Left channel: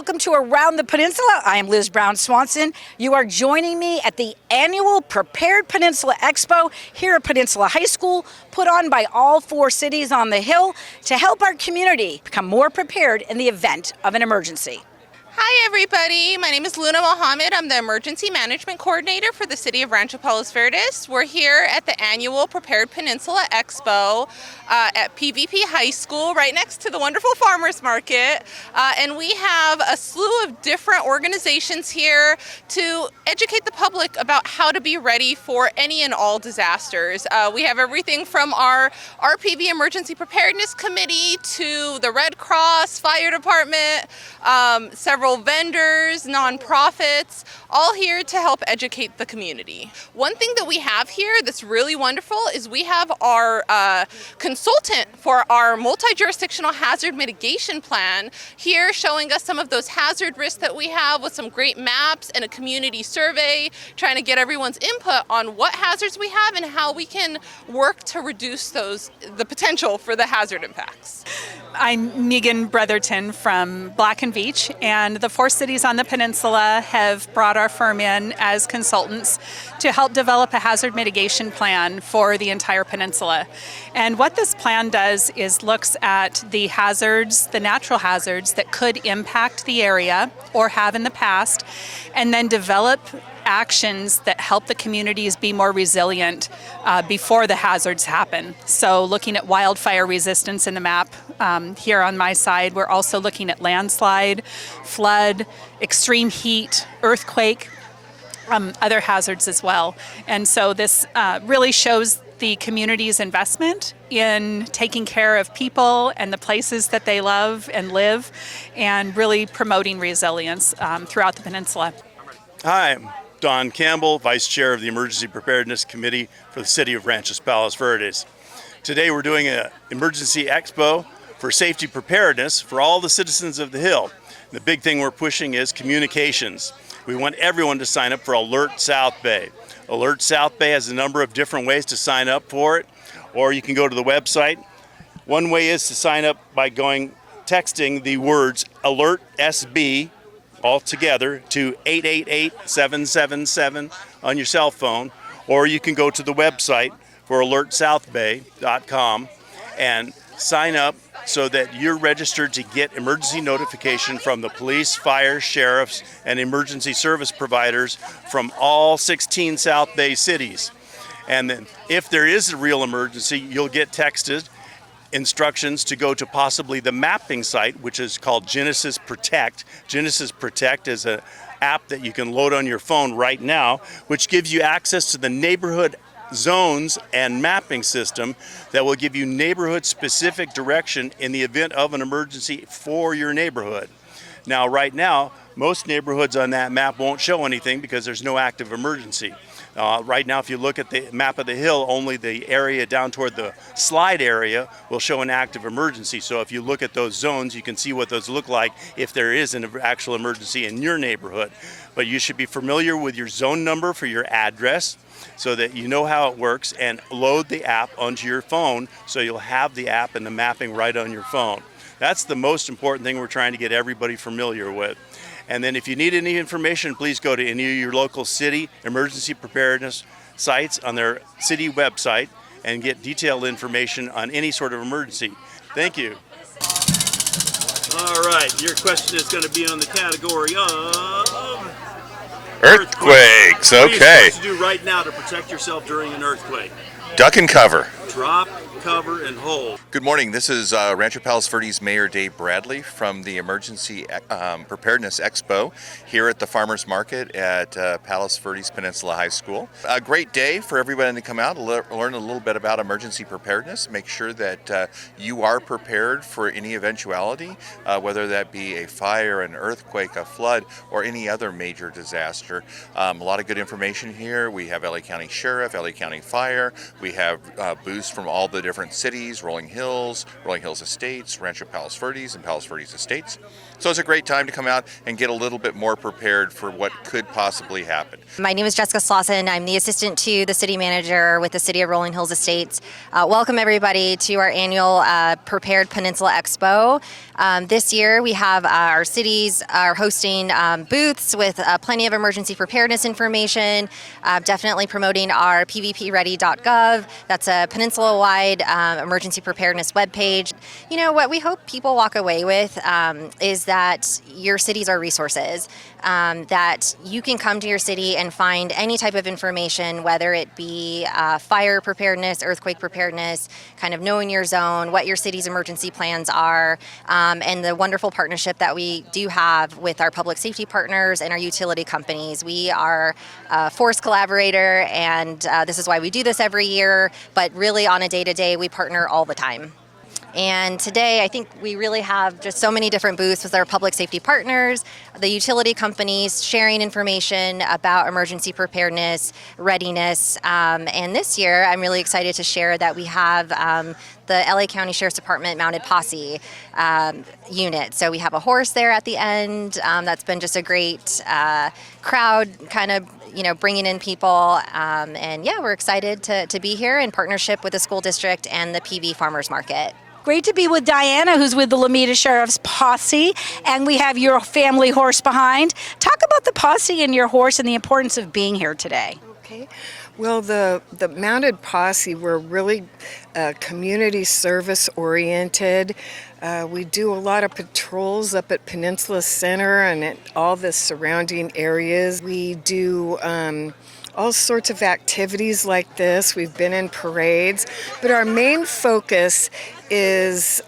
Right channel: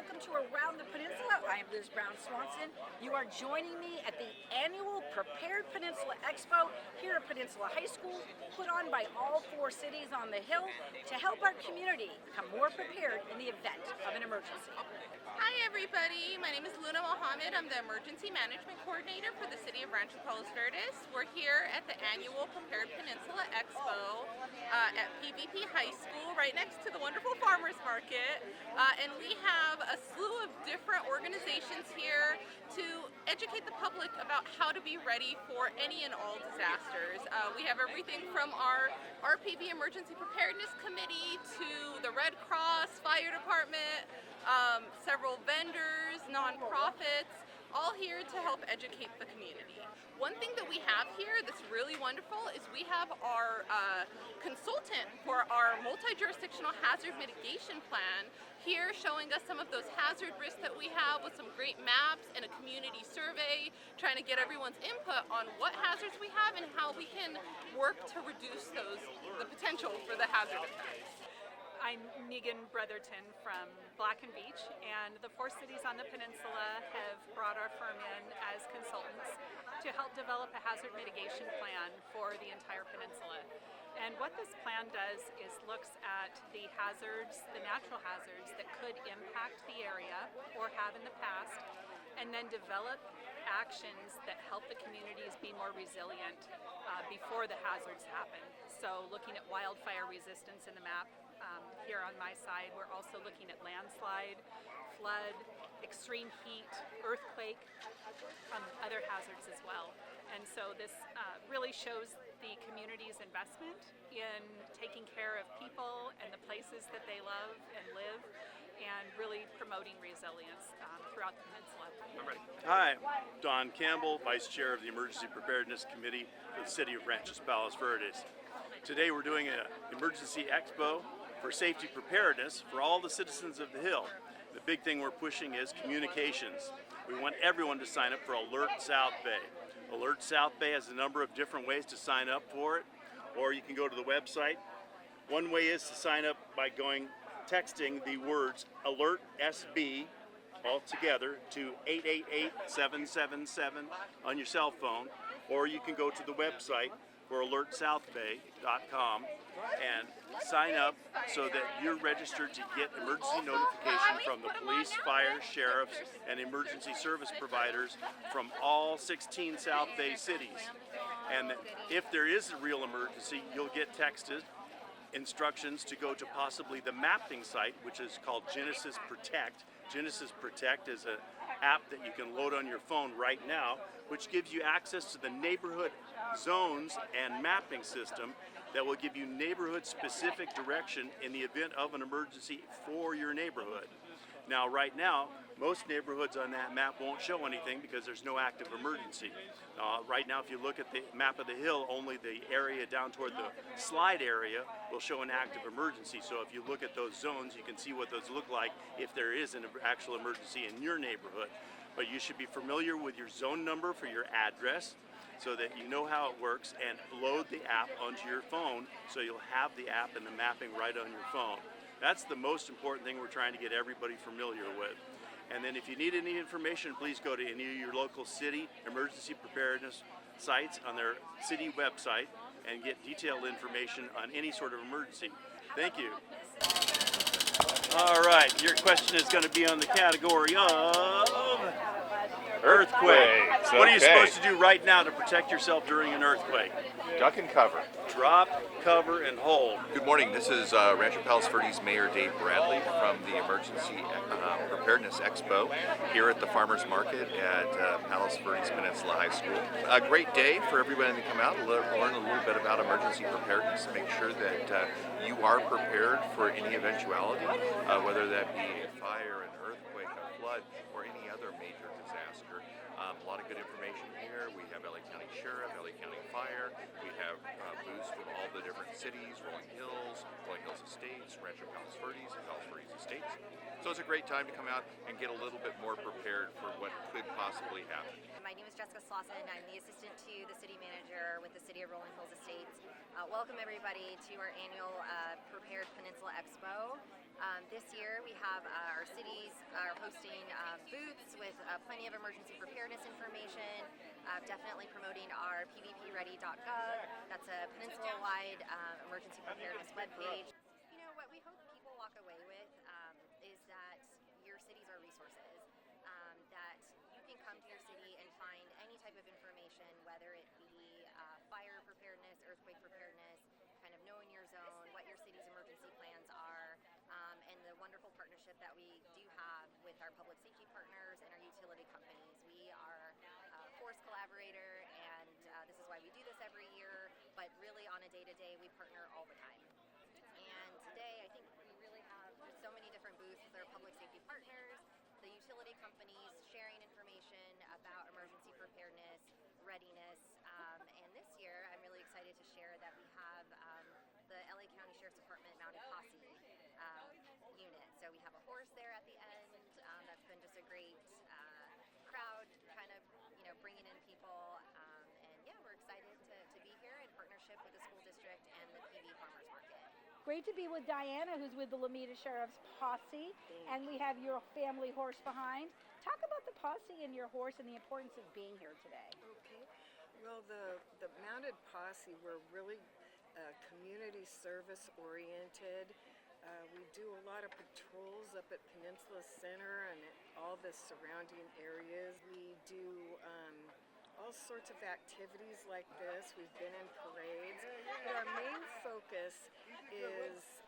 welcome to Around the Peninsula. I am Liz Brown Swanson. You are joining me at the Annual Prepared Peninsula Expo here at Peninsula High School, put on by all 4 cities on the Hill to help our community become more prepared in the event of an emergency. Hi everybody, my name is Luna Mohammed. I'm the Emergency Management Coordinator for the City of Rancho Palos Verdes. We're here at the Annual Prepared Peninsula Expo at PVP High School, right next to the wonderful farmers market. And we have a slew of different organizations here to educate the public about how to be ready for any and all disasters. We have everything from our RPV Emergency Preparedness Committee to the Red Cross, Fire Department, several vendors, nonprofits, all here to help educate the community. One thing that we have here that's really wonderful is we have our consultant for our multi-jurisdictional hazard mitigation plan here showing us some of those hazard risks that we have with some great maps and a community survey, trying to get everyone's input on what hazards we have and how we can work to reduce the potential for the hazard impacts. I'm Megan Brotherton from Black and Veatch, and the 4 cities on the peninsula have brought our firm in as consultants to help develop a hazard mitigation plan for the entire peninsula. And what this plan does is looks at the hazards, the natural hazards that could impact the area or have in the past, and then develop actions that help the communities be more resilient before the hazards happen. So looking at wildfire resistance in the map here on my side, we're also looking at landslide, flood, extreme heat, earthquake, other hazards as well. And so this really shows the community's investment in taking care of people and the places that they love and live, and really promoting resilience throughout the peninsula. Hi, I'm Don Campbell, Vice Chair of the Emergency Preparedness Committee for the City of Rancho Palos Verdes. Today we're doing an emergency expo for safety preparedness for all the citizens of the Hill. The big thing we're pushing is communications. We want everyone to sign up for Alert South Bay. Alert South Bay has a number of different ways to sign up for it, or you can go to the website. One way is to sign up by texting the words Alert SB all together to 888-777 on your cell phone, or you can go to the website for alertsouthbay.com and sign up so that you're registered to get emergency notification from the police, fire, sheriffs, and emergency service providers from all 16 South Bay cities. And then if there is a real emergency, you'll get texted instructions to go to possibly the mapping site, which is called Genesis Protect. Genesis Protect is an app that you can load on your phone right now, which gives you access to the neighborhood zones and mapping system that will give you neighborhood-specific direction in the event of an emergency for your neighborhood. Now, right now, most neighborhoods on that map won't show anything because there's no active emergency. Right now, if you look at the map of the Hill, only the area down toward the slide area will show an active emergency. So if you look at those zones, you can see what those look like if there is an actual emergency in your neighborhood. But you should be familiar with your zone number for your address so that you know how it works, and load the app onto your phone so you'll have the app and the mapping right on your phone. That's the most important thing we're trying to get everybody familiar with. And then if you need any information, please go to any of your local city emergency preparedness sites on their city website and get detailed information on any sort of emergency. Thank you. All right, your question is going to be on the category of earthquakes. Okay. What are you supposed to do right now to protect yourself during an earthquake? Duck and cover. Drop, cover, and hold. Good morning. This is Rancho Palos Verdes Mayor Dave Bradley from the Emergency Preparedness Expo here at the Farmers Market at Palos Verdes Peninsula High School. A great day for everybody to come out and learn a little bit about emergency preparedness. Make sure that you are prepared for any eventuality, whether that be a fire, an earthquake, a flood, or any other major disaster. A lot of good information here. We have LA County Sheriff, LA County Fire. We have booths from all the different cities, Rolling Hills Estates, Rancho Palos Verdes, and Palos Verdes Estates. So it's a great time to come out and get a little bit more prepared for what could possibly happen. My name is Jessica Swanson. I'm the assistant to the city manager with the City of Rolling Hills Estates. Welcome everybody to our annual Prepared Peninsula Expo. This year we have our cities are hosting booths with plenty of emergency preparedness information, definitely promoting our pvpready.gov. That's a peninsula-wide emergency preparedness webpage. You know, what we hope people walk away with is that your cities are resources, that you can come to your city and find any type of information, whether it be fire preparedness, earthquake preparedness, kind of knowing your zone, what your city's emergency plans are, and the wonderful partnership that we do have with our public safety partners and our utility companies. We are a force collaborator, and this is why we do this every year, but really on a day-to-day, we partner all the time. And today, I think we really have just so many different booths with our public safety partners, the utility companies sharing information about emergency preparedness, readiness. And this year, I'm really excited to share that we have the LA County Sheriff's Department Mounted Posse unit. So we have a horse there at the end. That's been just a great crowd kind of bringing in people. And yeah, we're excited to be here in partnership with the school district and the PV Farmers Market. Great to be with Diana, who's with the Lomita Sheriff's Posse, and we have your family horse behind. Talk about the posse and your horse and the importance of being here today. Okay. Well, the Mounted Posse, we're really community service oriented. We do a lot of patrols up at Peninsula Center and at all the surrounding areas. We do all sorts of activities like this. We've been in parades, but our main focus is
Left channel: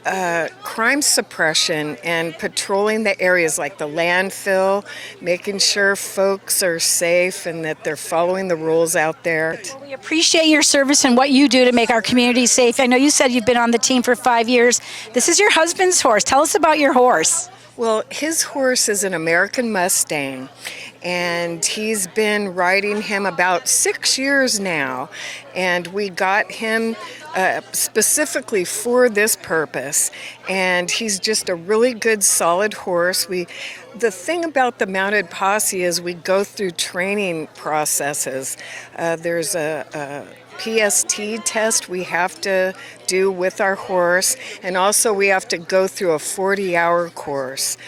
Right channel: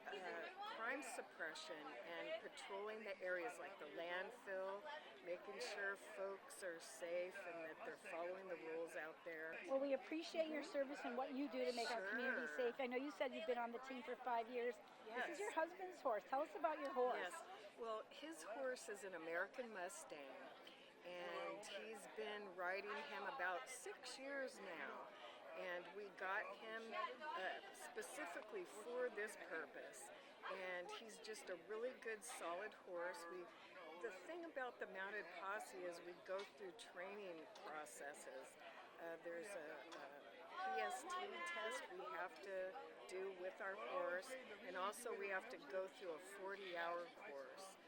crime suppression and patrolling the areas like the landfill, making sure folks are safe and that they're following the rules out there. We appreciate your service and what you do to make our community safe. I know you said you've been on the team for 5 years. This is your husband's horse. Tell us about your horse. Well, his horse is an American Mustang, and he's been riding him about 6 years now, and we got him specifically for this purpose, and he's just a really good solid horse. The thing about the Mounted Posse is we go through training processes. There's a PST test we have to do with our horse, and also we have to go through a 40-hour course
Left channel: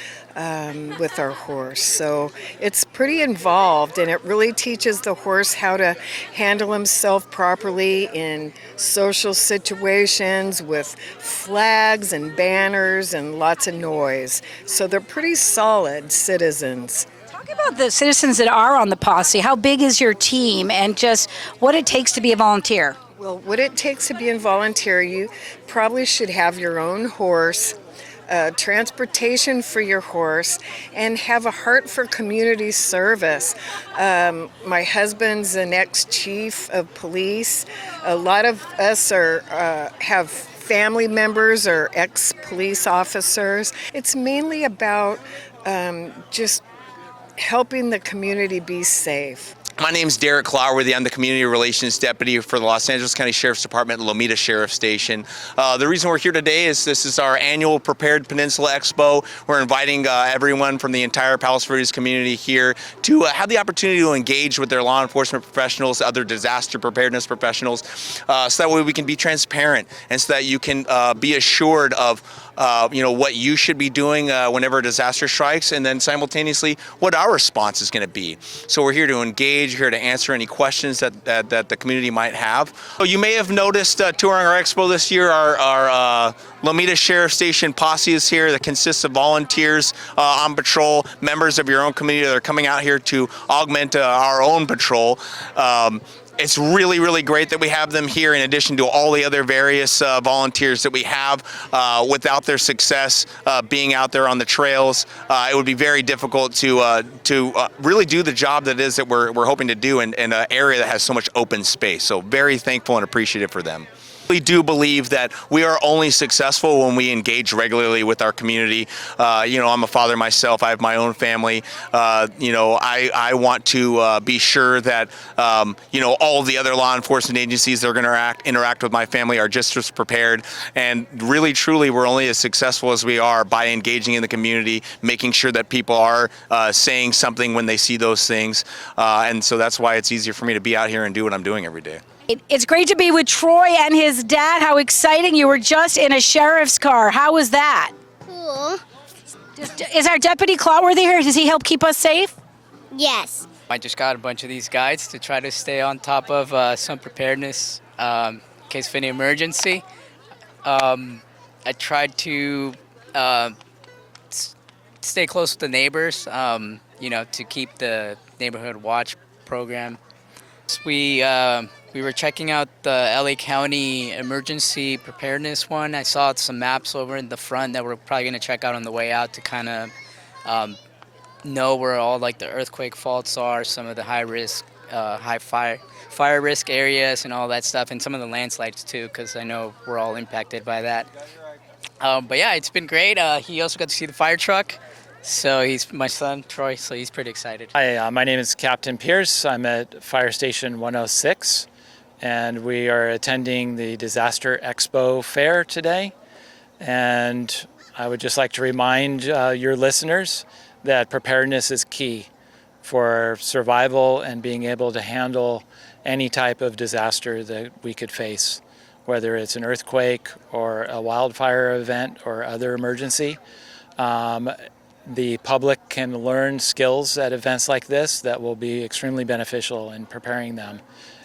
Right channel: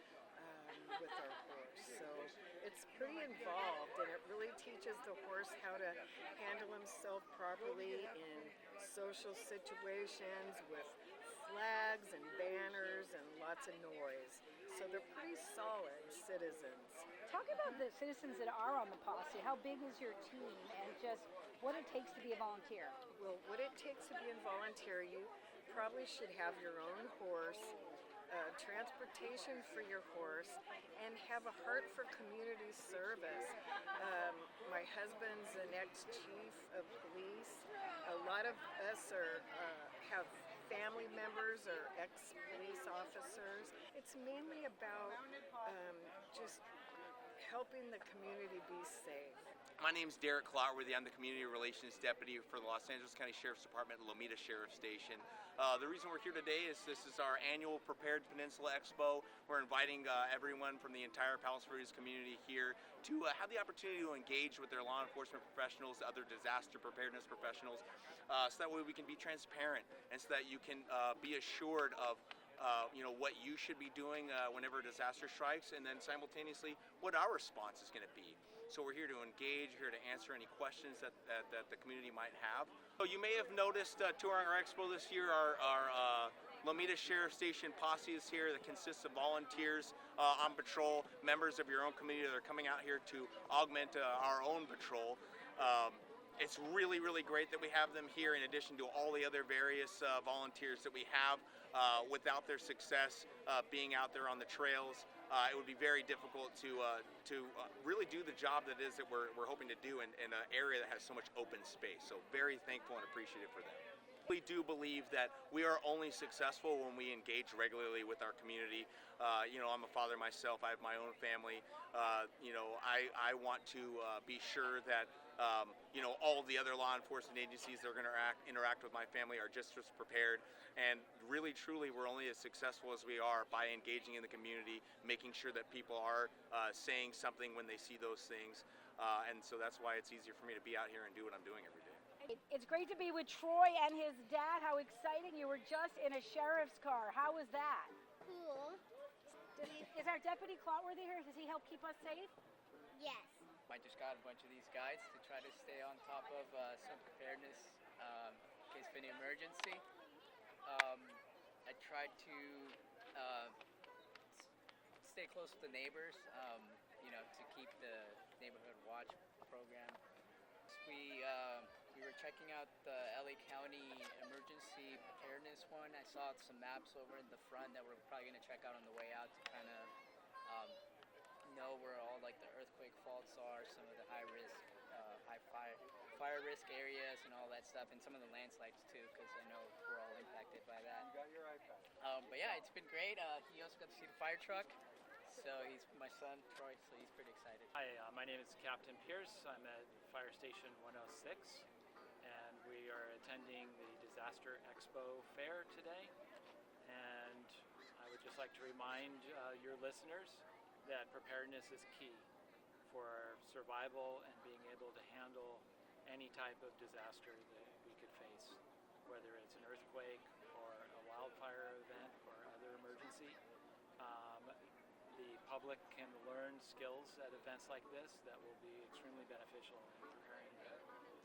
with our horse. So it's pretty involved, and it really teaches the horse how to handle himself properly in social situations with flags and banners and lots of noise. So they're pretty solid citizens. Talk about the citizens that are on the posse. How big is your team, and just what it takes to be a volunteer? Well, what it takes to be a volunteer, you probably should have your own horse, transportation for your horse, and have a heart for community service. My husband's an ex-chief of police. A lot of us have family members or ex-police officers. It's mainly about just helping the community be safe. My name's Derek Clowerworthy. I'm the Community Relations Deputy for the Los Angeles County Sheriff's Department Lomita Sheriff Station. The reason we're here today is this is our annual Prepared Peninsula Expo. We're inviting everyone from the entire Palos Verdes community here to have the opportunity to engage with their law enforcement professionals, other disaster preparedness professionals, so that way we can be transparent and so that you can be assured of what you should be doing whenever a disaster strikes, and then simultaneously what our response is going to be. So we're here to engage, here to answer any questions that the community might have. So you may have noticed touring our expo this year, our Lomita Sheriff Station posse is here that consists of volunteers on patrol, members of your own community that are coming out here to augment our own patrol. It's really, really great that we have them here in addition to all the other various volunteers that we have. Without their success being out there on the trails, it would be very difficult to really do the job that is that we're hoping to do in an area that has so much open space. So very thankful and appreciative for them. We do believe that we are only successful when we engage regularly with our community. I'm a father myself. I have my own family. I want to be sure that all of the other law enforcement agencies that are going to interact with my family are just as prepared. And really, truly, we're only as successful as we are by engaging in the community, making sure that people are saying something when they see those things. And so that's why it's easier for me to be out here and do what I'm doing every day. It's great to be with Troy and his dad. How exciting. You were just in a sheriff's car. How was that? Cool. Is our deputy Clawworthy here? Does he help keep us safe? Yes. I just got a bunch of these guides to try to stay on top of some preparedness in case of any emergency. I tried to stay close with the neighbors, to keep the neighborhood watch program. We were checking out the LA County emergency preparedness one. I saw some maps over in the front that we're probably going to check out on the way out to kind of know where all like the earthquake faults are, some of the high risk, high fire risk areas and all that stuff, and some of the landslides too, because I know we're all impacted by that. But yeah, it's been great. He also got to see the fire truck. So he's my son, Troy, so he's pretty excited. Hi, my name is Captain Pierce. I'm at Fire Station 106, and we are attending the Disaster Expo Fair today. And I would just like to remind your listeners that preparedness is key for survival and being able to handle any type of disaster that we could face, whether it's an earthquake or a wildfire event or other emergency. The public can learn skills at events like this that will be extremely beneficial in preparing them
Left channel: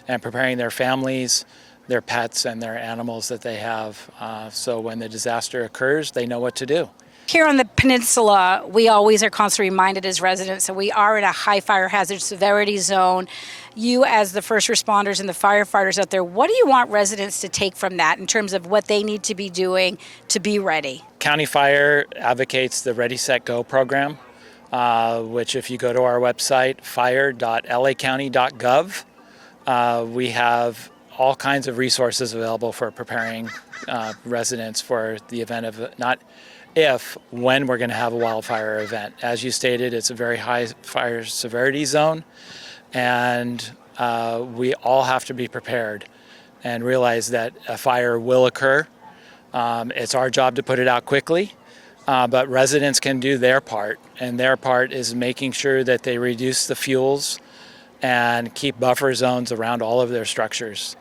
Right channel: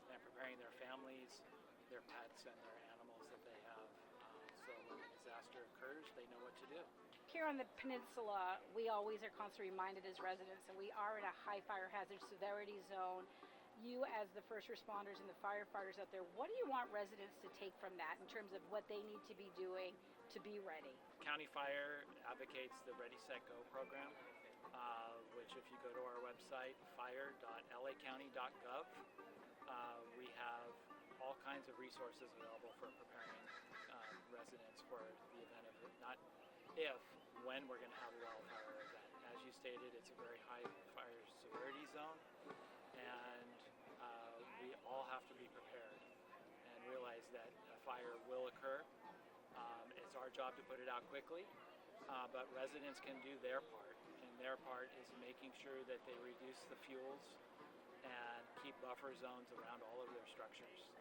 and preparing their families, their pets, and their animals that they have. So when the disaster occurs, they know what to do. Here on the peninsula, we always are constantly reminded as residents that we are in a high fire hazard severity zone. You, as the first responders and the firefighters out there, what do you want residents to take from that in terms of what they need to be doing to be ready? County Fire advocates the Ready, Set, Go program, which if you go to our website, fire.lacounty.gov, we have all kinds of resources available for preparing residents for the event of, not if, when we're going to have a wildfire event. As you stated, it's a very high fire severity zone, and we all have to be prepared and realize that a fire will occur. It's our job to put it out quickly, but residents can do their part, and their part is making sure that they reduce the fuels and keep buffer zones around all of their structures.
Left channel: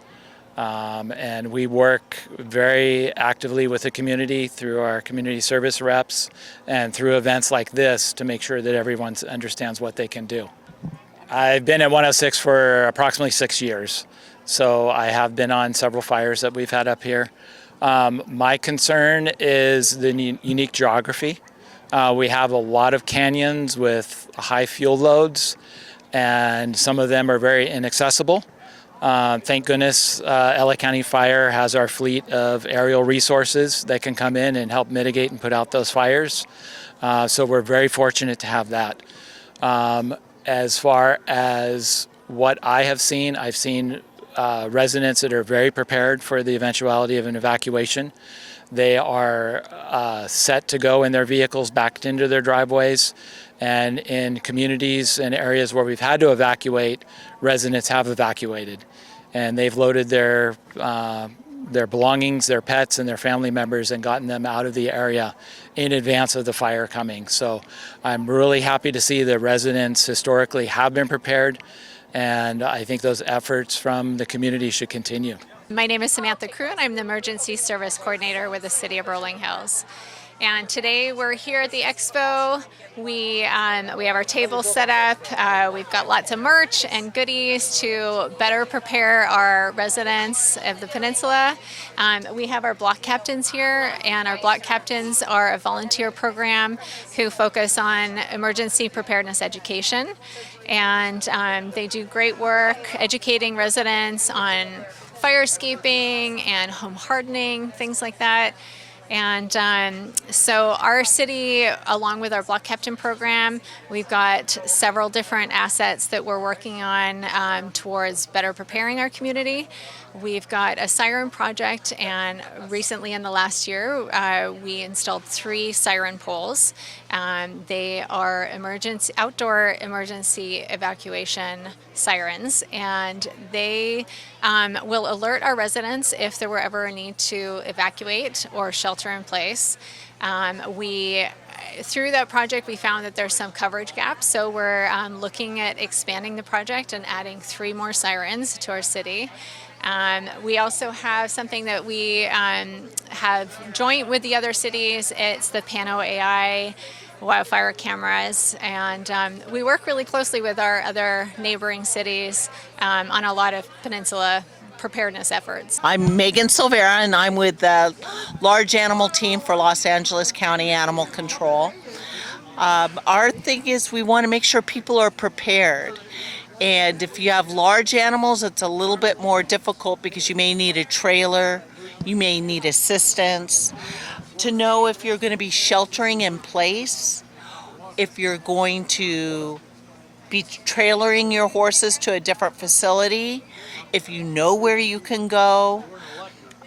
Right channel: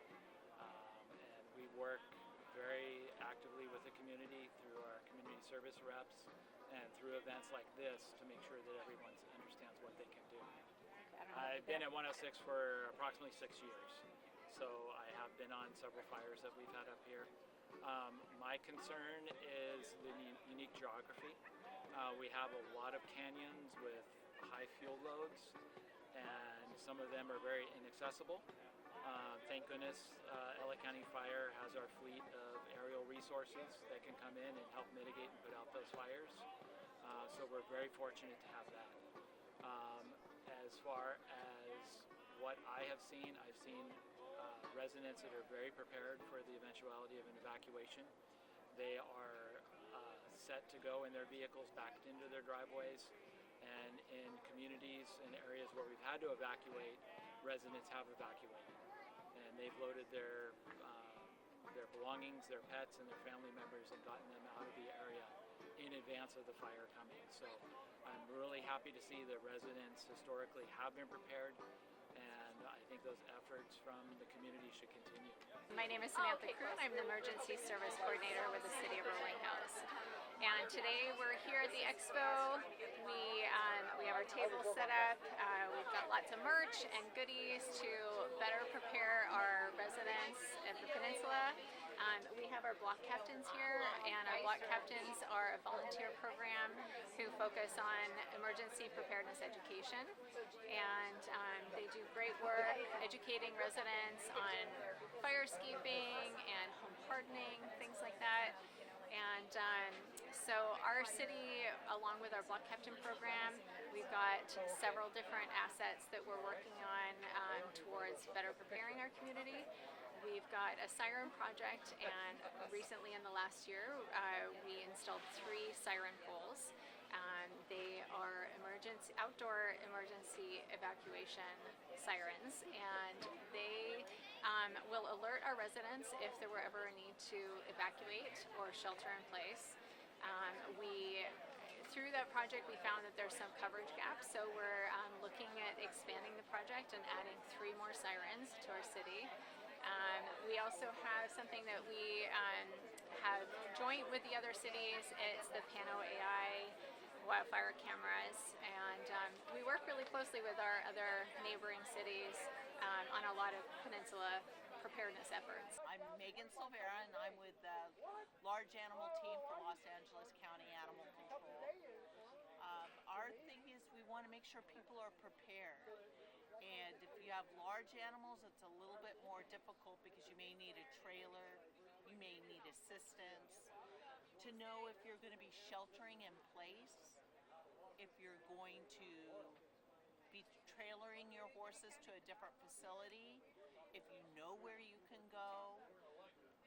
And we work very actively with the community through our community service reps and through events like this to make sure that everyone understands what they can do. I've been at 106 for approximately 6 years, so I have been on several fires that we've had up here. My concern is the unique geography. We have a lot of canyons with high fuel loads, and some of them are very inaccessible. Thank goodness LA County Fire has our fleet of aerial resources that can come in and help mitigate and put out those fires. So we're very fortunate to have that. As far as what I have seen, I've seen residents that are very prepared for the eventuality of an evacuation. They are set to go in their vehicles backed into their driveways. And in communities and areas where we've had to evacuate, residents have evacuated. And they've loaded their belongings, their pets, and their family members and gotten them out of the area in advance of the fire coming. So I'm really happy to see that residents historically have been prepared, and I think those efforts from the community should continue. My name is Samantha Crew, and I'm the Emergency Service Coordinator with the City of Rolling Hills. And today we're here at the expo. We have our table set up. We've got lots of merch and goodies to better prepare our residents of the peninsula. We have our block captains here, and our block captains are a volunteer program who focus on emergency preparedness education. And they do great work educating residents on fire escaping and home hardening, things like that. And so our city, along with our block captain program, we've got several different assets that we're working on towards better preparing our community. We've got a siren project, and recently in the last year, we installed 3 siren poles. They are outdoor emergency evacuation sirens, and they will alert our residents if there were ever a need to evacuate or shelter in place. Through that project, we found that there's some coverage gaps, so we're looking at expanding the project and adding 3 more sirens to our city. We also have something that we have joint with the other cities. It's the Pano AI wildfire cameras, and we work really closely with our other neighboring cities on a lot of peninsula preparedness efforts. I'm Megan Silvera, and I'm with the large animal team for Los Angeles County Animal Control. Our thing is we want to make sure people are prepared. And if you have large animals, it's a little bit more difficult because you may need a trailer, you may need assistance. To know if you're going to be sheltering in place, if you're going to be trailering your horses to a different facility, if you know where you can go.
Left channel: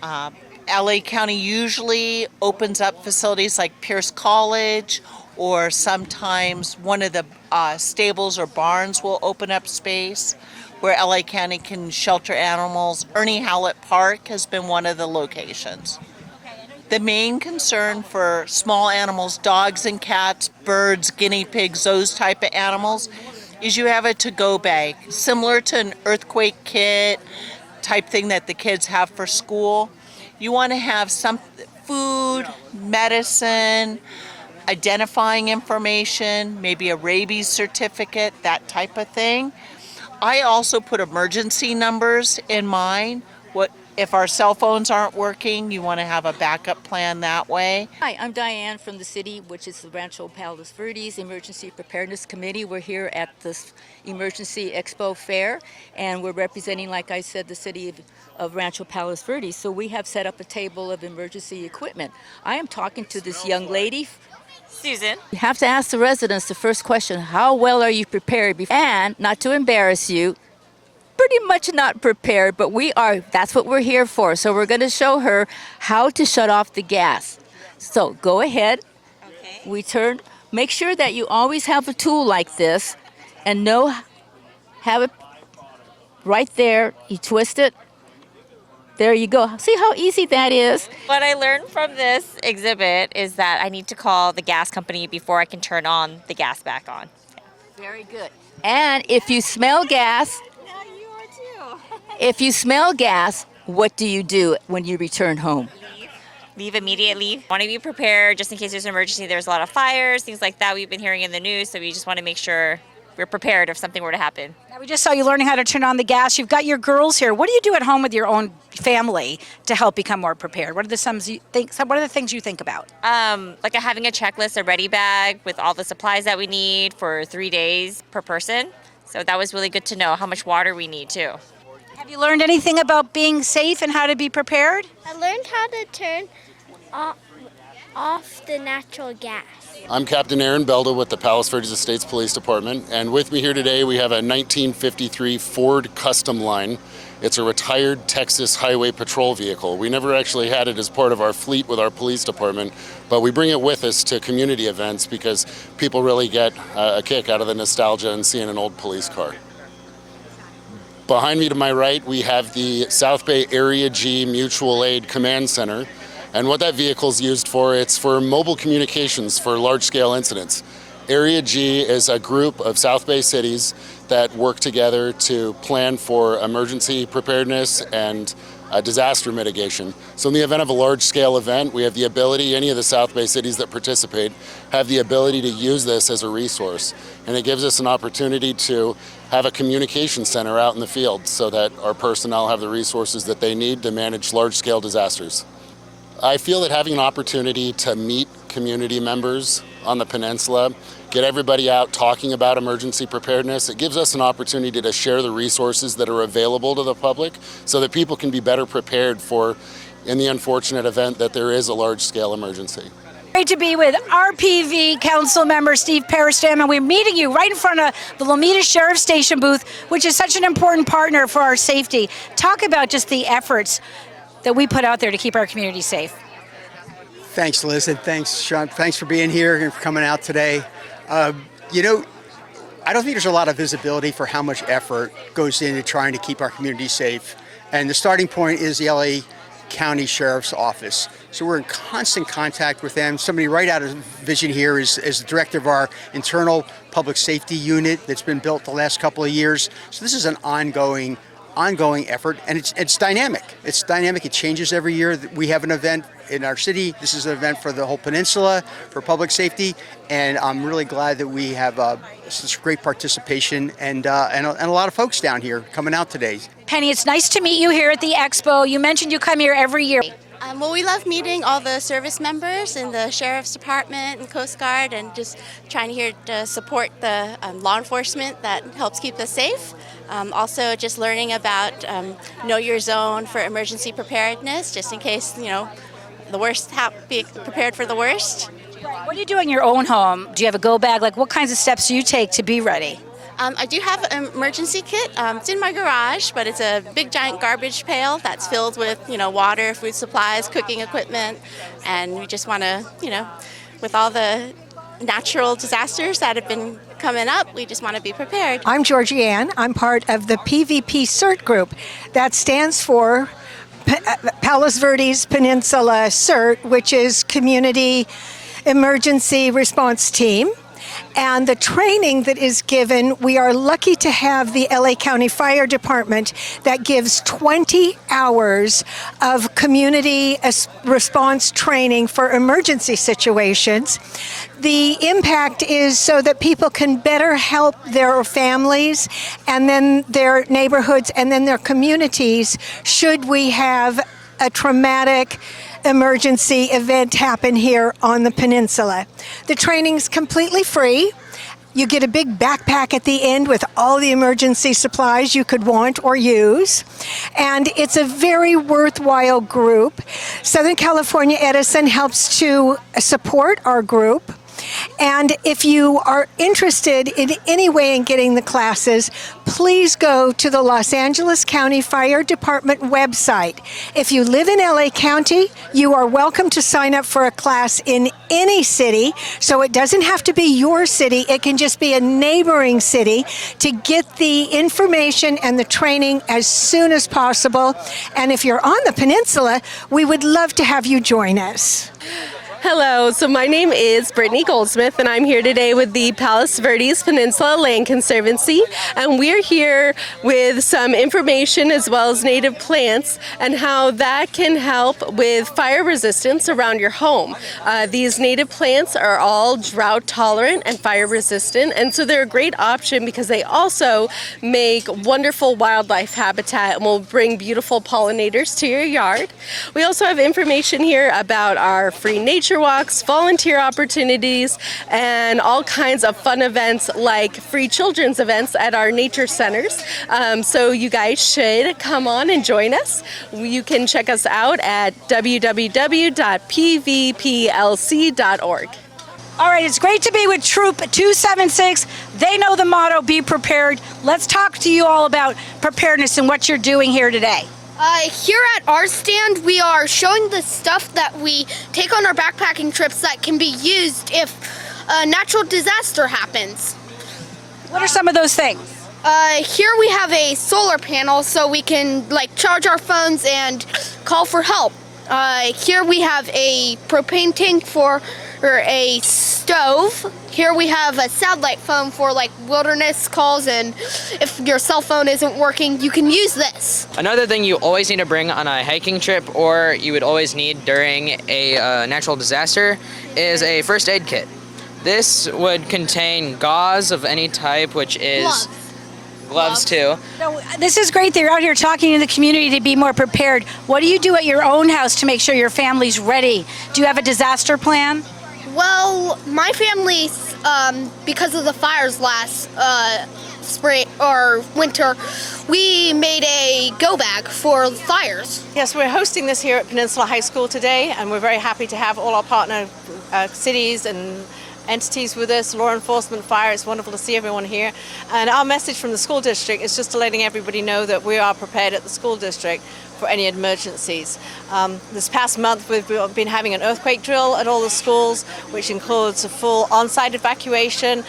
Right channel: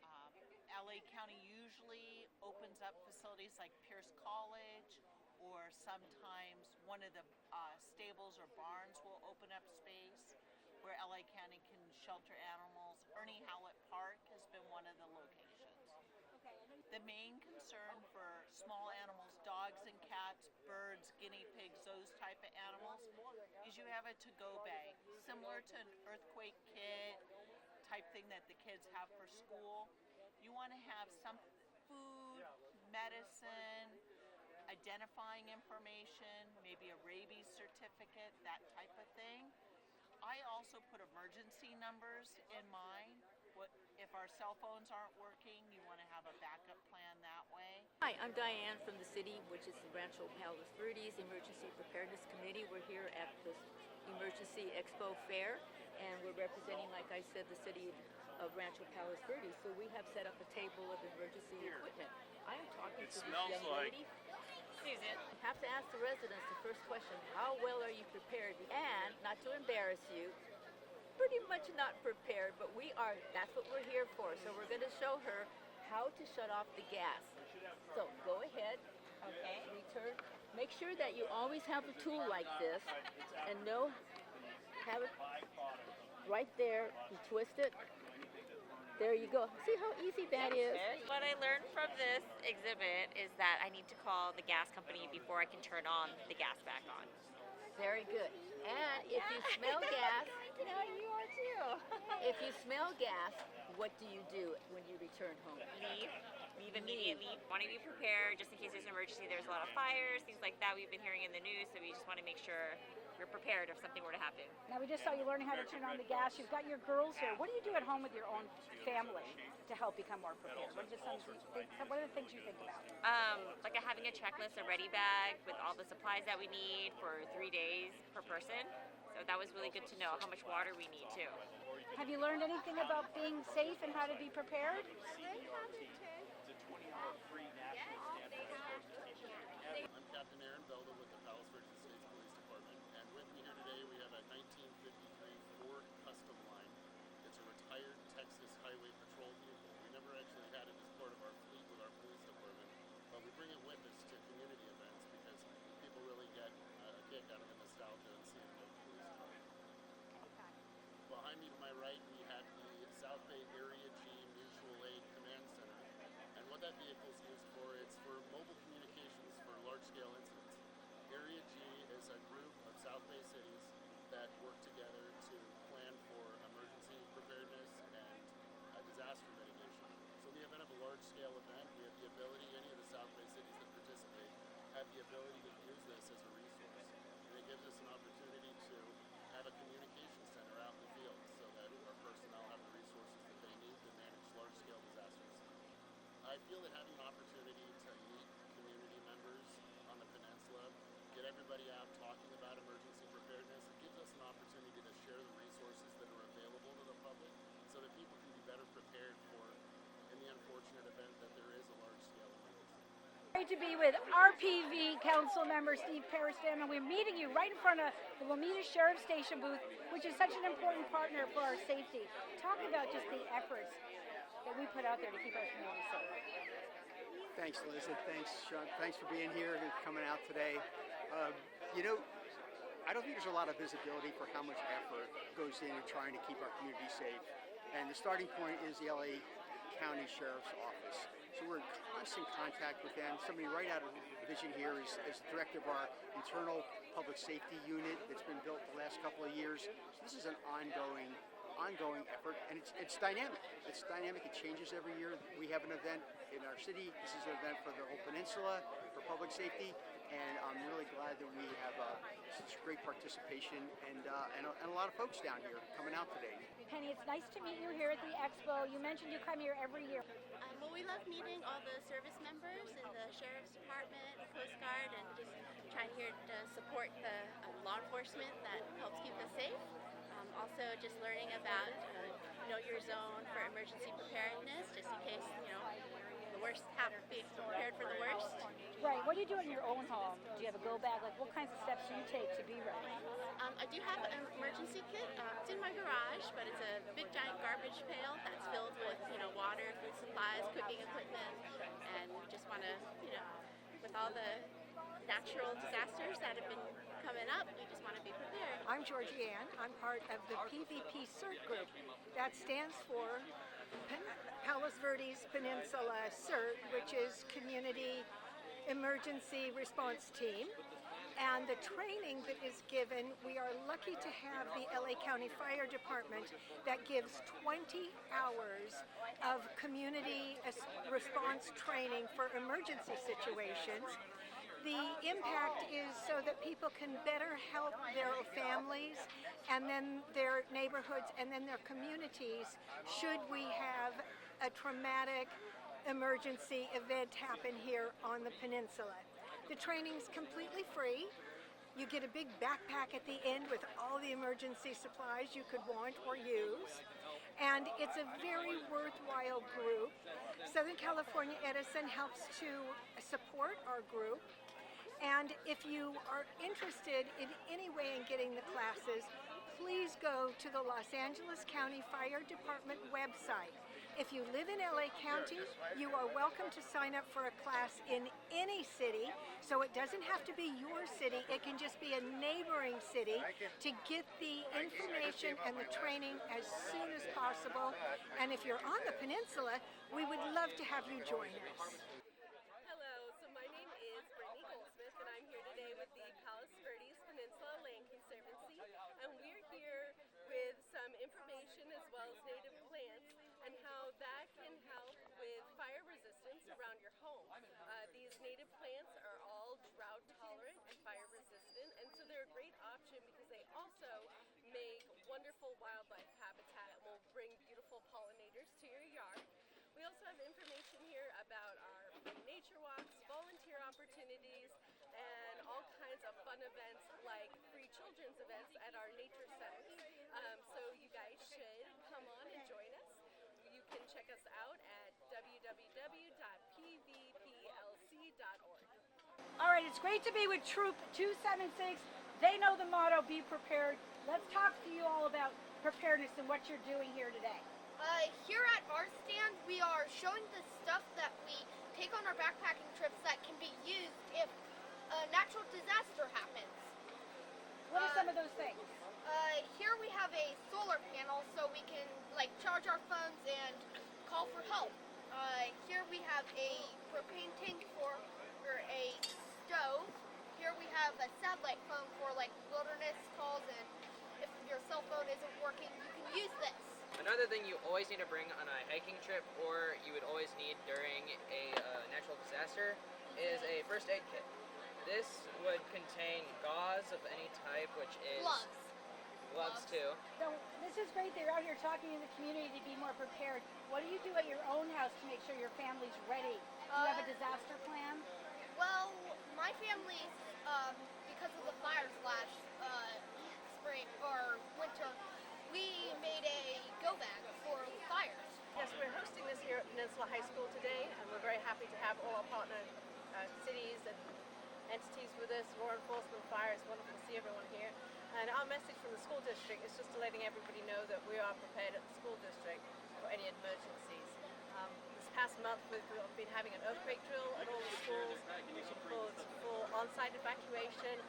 LA County usually opens up facilities like Pierce College, or sometimes one of the stables or barns will open up space where LA County can shelter animals. Ernie Howlett Park has been one of the locations. The main concern for small animals, dogs and cats, birds, guinea pigs, those type of animals, is you have a to-go bag, similar to an earthquake kit type thing that the kids have for school. You want to have some food, medicine, identifying information, maybe a rabies certificate, that type of thing. I also put emergency numbers in mine. If our cell phones aren't working, you want to have a backup plan that way. Hi, I'm Diane from the city, which is the Rancho Palos Verdes Emergency Preparedness Committee. We're here at this Emergency Expo Fair, and we're representing, like I said, the city of Rancho Palos Verdes. So we have set up a table of emergency equipment. I am talking to this young lady, Susan. You have to ask the residents the first question: how well are you prepared? And not to embarrass you, pretty much not prepared, but that's what we're here for. So we're going to show her how to shut off the gas. So go ahead. Okay. Make sure that you always have a tool like this and have it right there. You twist it. There you go. See how easy that is? What I learned from this exhibit is that I need to call the gas company before I can turn on the gas back on. Very good. And if you smell gas, what do you do when you return home? Leave immediately. Want to be prepared just in case there's an emergency. There's a lot of fires, things like that we've been hearing in the news, so we just want to make sure we're prepared if something were to happen. Now, we just saw you learning how to turn on the gas. You've got your girls here. What do you do at home with your own family to help become more prepared? What are the things you think about? Like having a checklist, a ready bag with all the supplies that we need for 3 days per person. So that was really good to know how much water we need too. Have you learned anything about being safe and how to be prepared? I learned how to turn off the natural gas. I'm Captain Aaron Belda with the Palos Verdes Estates Police Department, and with me here today we have a 1953 Ford Custom Line. It's a retired Texas Highway Patrol vehicle. We never actually had it as part of our fleet with our police department, but we bring it with us to community events because people really get a kick out of the nostalgia and seeing an old police car. Behind me to my right, we have the South Bay Area G Mutual Aid Command Center. And what that vehicle is used for, it's for mobile communications for large-scale incidents. Area G is a group of South Bay cities that work together to plan for emergency preparedness and disaster mitigation. So in the event of a large-scale event, we have the ability, any of the South Bay cities that participate, have the ability to use this as a resource. And it gives us an opportunity to have a communication center out in the field so that our personnel have the resources that they need to manage large-scale disasters. I feel that having an opportunity to meet community members on the peninsula, get everybody out talking about emergency preparedness, it gives us an opportunity to share the resources that are available to the public so that people can be better prepared for in the unfortunate event that there is a large-scale emergency. Great to be with RPV Council Member Steve Peristam, and we're meeting you right in front of the Lomita Sheriff Station booth, which is such an important partner for our safety. Talk about just the efforts that we put out there to keep our community safe. Thanks, Liz, and thanks, Sean. Thanks for being here and for coming out today. You know, I don't think there's a lot of visibility for how much effort goes into trying to keep our community safe. And the starting point is the LA County Sheriff's Office. So we're in constant contact with them. Somebody right out of vision here is the director of our internal public safety unit that's been built the last couple of years. So this is an ongoing effort, and it's dynamic. It's dynamic. It changes every year. We have an event in our city. This is an event for the whole peninsula for public safety, and I'm really glad that we have such great participation and a lot of folks down here coming out today. Penny, it's nice to meet you here at the Expo. You mentioned you come here every year. Well, we love meeting all the service members in the Sheriff's Department and Coast Guard, and just trying to support the law enforcement that helps keep us safe. Also, just learning about know your zone for emergency preparedness, just in case, you know, the worst, be prepared for the worst. What do you do in your own home? Do you have a go bag? Like, what kinds of steps do you take to be ready? I do have an emergency kit. It's in my garage, but it's a big giant garbage pail that's filled with, you know, water, food supplies, cooking equipment, and we just want to, you know, with all the natural disasters that have been coming up, we just want to be prepared. I'm Georgie Ann. I'm part of the PVP CERT group. That stands for Palos Verdes Peninsula CERT, which is Community Emergency Response Team. And the training that is given, we are lucky to have the LA County Fire Department that gives 20 hours of community response training for emergency situations. The impact is so that people can better help their families and then their neighborhoods and then their communities should we have a traumatic emergency event happen here on the peninsula. The training's completely free. You get a big backpack at the end with all the emergency supplies you could want or use. And it's a very worthwhile group. Southern California Edison helps to support our group. And if you are interested in any way in getting the classes, please go to the Los Angeles County Fire Department website. If you live in LA County, you are welcome to sign up for a class in any city. So it doesn't have to be your city. It can just be a neighboring city to get the information and the training as soon as possible. And if you're on the peninsula, we would love to have you join us. Hello, so my name is Brittany Goldsmith, and I'm here today with the Palos Verdes Peninsula Land Conservancy, and we're here with some information as well as native plants and how that can help with fire resistance around your home. These native plants are all drought tolerant and fire resistant, and so they're a great option because they also make wonderful wildlife habitat and will bring beautiful pollinators to your yard. We also have information here about our free nature walks, volunteer opportunities, and all kinds of fun events like free children's events at our nature centers. So you guys should come on and join us. You can check us out at www.pvplc.org. All right, it's great to be with Troop 276. They know the motto, be prepared. Let's talk to you all about preparedness and what you're doing here today. Here at our stand, we are showing the stuff that we take on our backpacking trips that can be used if a natural disaster happens. What are some of those things? Here we have a solar panel so we can charge our phones and call for help. Here we have a propane tank for a stove. Here we have a satellite phone for wilderness calls, and if your cell phone isn't working, you can use this. Another thing you always need to bring on a hiking trip, or you would always need during a natural disaster, is a first aid kit. This would contain gauze of any type, which is gloves too. So this is great that you're out here talking to the community to be more prepared. What do you do at your own house to make sure your family's ready? Do you have a disaster plan? Well, my family, because of the fires last spring or winter, we made a go bag for fires. Yes, we're hosting this here at Peninsula High School today, and we're very happy to have all our partner cities and entities with us, law enforcement, fire. It's wonderful to see everyone here. And our message from the school district is just to letting everybody know that we are prepared at the school district for any emergencies. This past month we've been having an earthquake drill at all the schools, which includes a full on-site evacuation.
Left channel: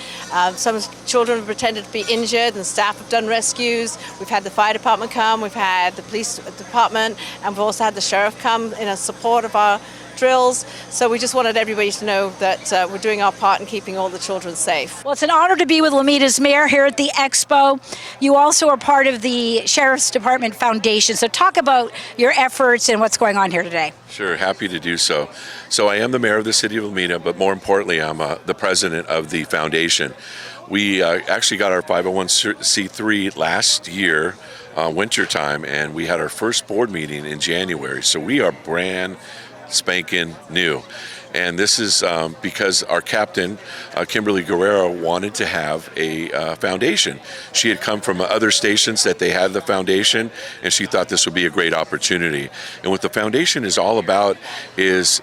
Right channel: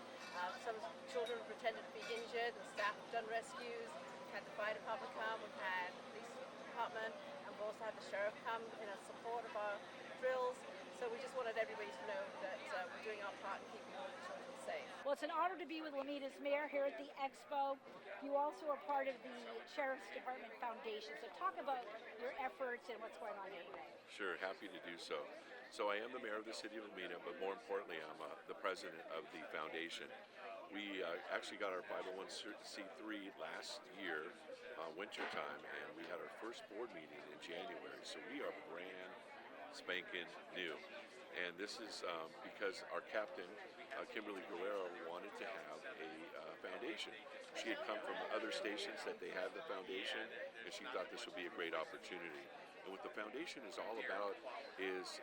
Some children have pretended to be injured and staff have done rescues. We've had the fire department come, we've had the police department, and we've also had the sheriff come in support of our drills. So we just wanted everybody to know that we're doing our part in keeping all the children safe. Well, it's an honor to be with Lomida's mayor here at the Expo. You also are part of the Sheriff's Department Foundation. So talk about your efforts and what's going on here today. Sure, happy to do so. So I am the mayor of the city of Lomita, but more importantly, I'm the president of the foundation. We actually got our 501c3 last year, wintertime, and we had our first board meeting in January. So we are brand spanking new. And this is because our captain, Kimberly Guerrero, wanted to have a foundation. She had come from other stations that they had the foundation, and she thought this would be a great opportunity. And what the foundation is all about is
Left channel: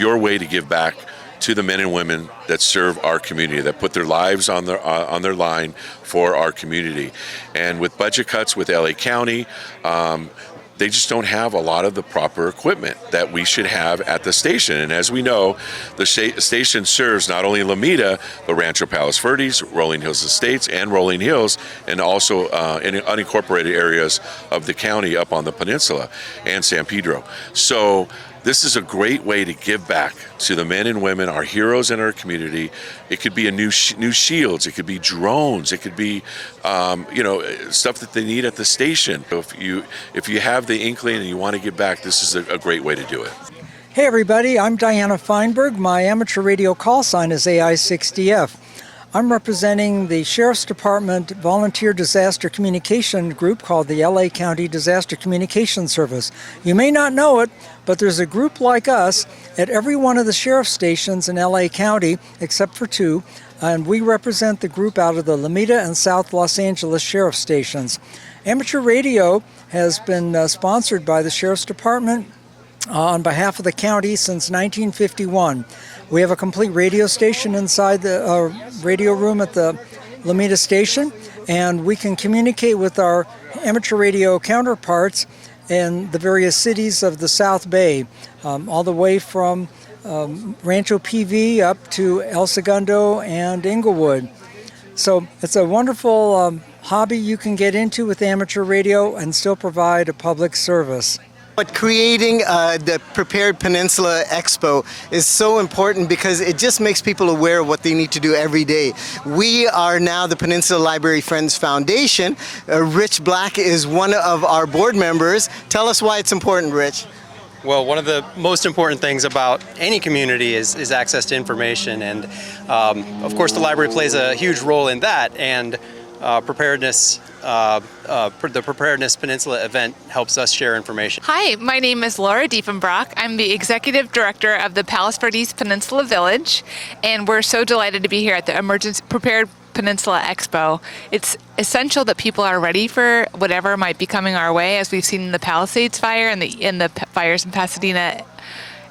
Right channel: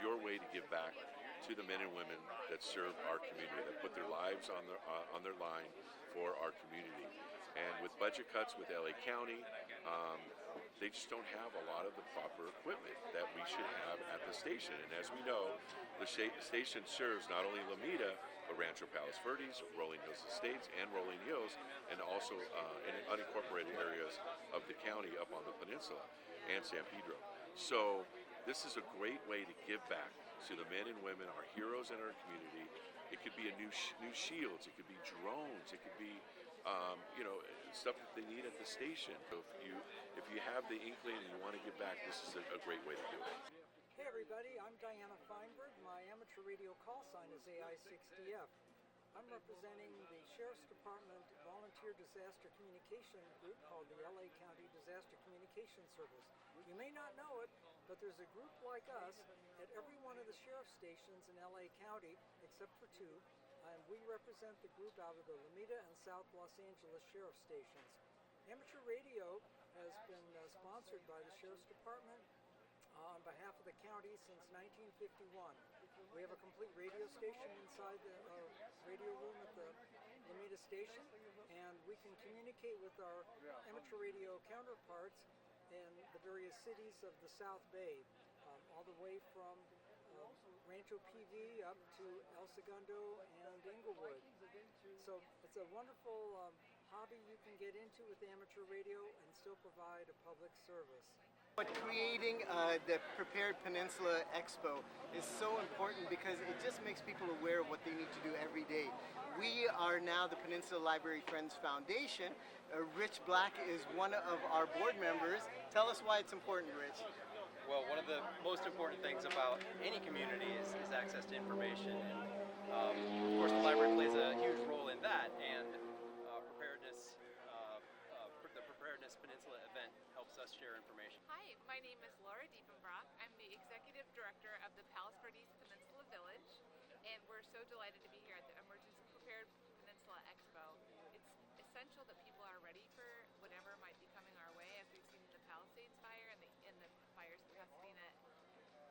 your way to give back to the men and women that serve our community, that put their lives on their line for our community. And with budget cuts with LA County, they just don't have a lot of the proper equipment that we should have at the station. And as we know, the station serves not only Lomita, but Rancho Palos Verdes, Rolling Hills Estates, and Rolling Hills, and also in unincorporated areas of the county up on the peninsula, and San Pedro. So this is a great way to give back to the men and women, our heroes in our community. It could be new shields, it could be drones, it could be stuff that they need at the station. So if you have the inkling and you want to give back, this is a great way to do it. Hey everybody, I'm Diana Feinberg. My amateur radio call sign is AI60F. I'm representing the Sheriff's Department Volunteer Disaster Communication Group called the LA County Disaster Communication Service. You may not know it, but there's a group like us at every one of the sheriff stations in LA County, except for 2, and we represent the group out of the Lomita and South Los Angeles sheriff stations. Amateur radio has been sponsored by the Sheriff's Department on behalf of the county since 1951. We have a complete radio station inside the radio room at the Lomita station, and we can communicate with our amateur radio counterparts in the various cities of the South Bay, all the way from Rancho PV up to El Segundo and Inglewood. So it's a wonderful hobby you can get into with amateur radio and still provide a public service. But creating the Prepared Peninsula Expo is so important because it just makes people aware of what they need to do every day. We are now the Peninsula Library Friends Foundation. Rich Black is one of our board members. Tell us why it's important, Rich. Well, one of the most important things about any community is access to information, and of course the library plays a huge role in that, and preparedness. The Preparedness Peninsula event helps us share information. Hi, my name is Laura Diefenbrock. I'm the Executive Director of the Palos Verdes Peninsula Village, and we're so delighted to be here at the Emergency Prepared Peninsula Expo. It's essential that people are ready for whatever might be coming our way, as we've seen in the Palisades fire and the fires in Pasadena.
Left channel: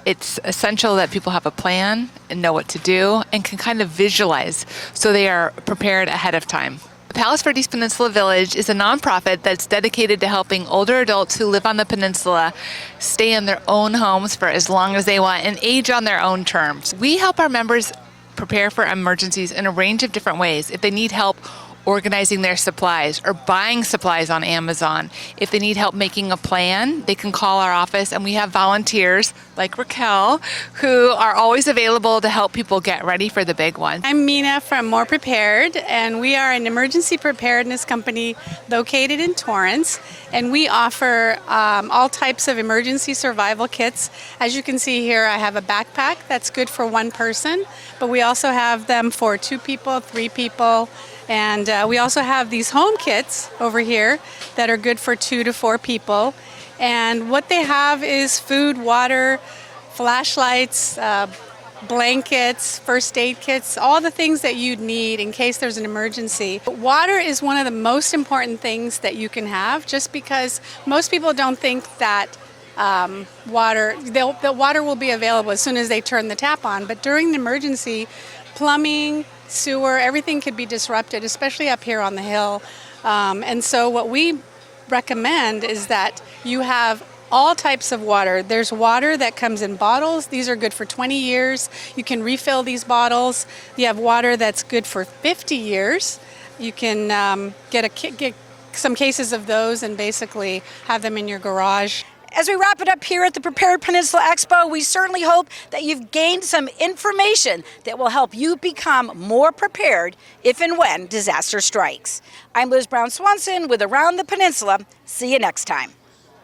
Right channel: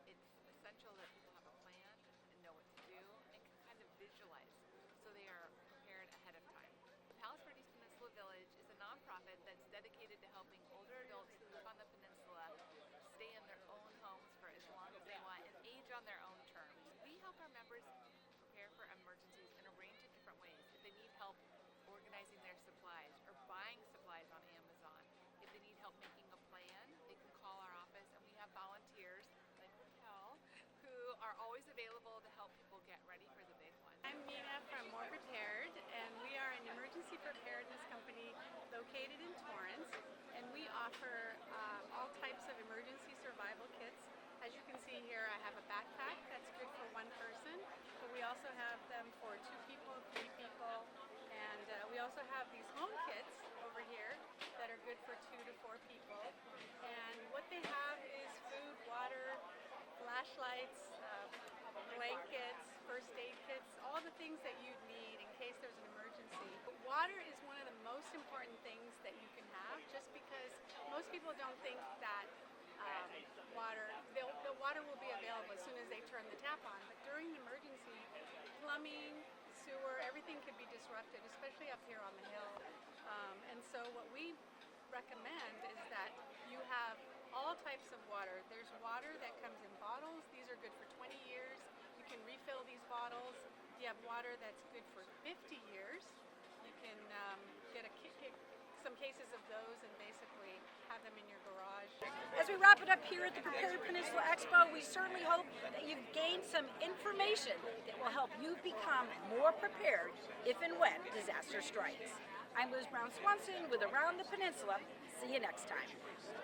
It's essential that people have a plan and know what to do and can kind of visualize so they are prepared ahead of time. The Palos Verdes Peninsula Village is a nonprofit that's dedicated to helping older adults who live on the peninsula stay in their own homes for as long as they want and age on their own terms. We help our members prepare for emergencies in a range of different ways. If they need help organizing their supplies or buying supplies on Amazon, if they need help making a plan, they can call our office, and we have volunteers like Raquel who are always available to help people get ready for the big one. I'm Mina from More Prepared, and we are an emergency preparedness company located in Torrance, and we offer all types of emergency survival kits. As you can see here, I have a backpack that's good for one person, but we also have them for 2 people, 3 people, and we also have these home kits over here that are good for 2 to 4 people. And what they have is food, water, flashlights, blankets, first aid kits, all the things that you'd need in case there's an emergency. Water is one of the most important things that you can have, just because most people don't think that the water will be available as soon as they turn the tap on. But during the emergency, plumbing, sewer, everything could be disrupted, especially up here on the hill. And so what we recommend is that you have all types of water. There's water that comes in bottles. These are good for 20 years. You can refill these bottles. You have water that's good for 50 years. You can get some cases of those and basically have them in your garage. As we wrap it up here at the Prepared Peninsula Expo, we certainly hope that you've gained some information that will help you become more prepared if and when disaster strikes. I'm Liz Brown Swanson with Around the Peninsula. See you next time.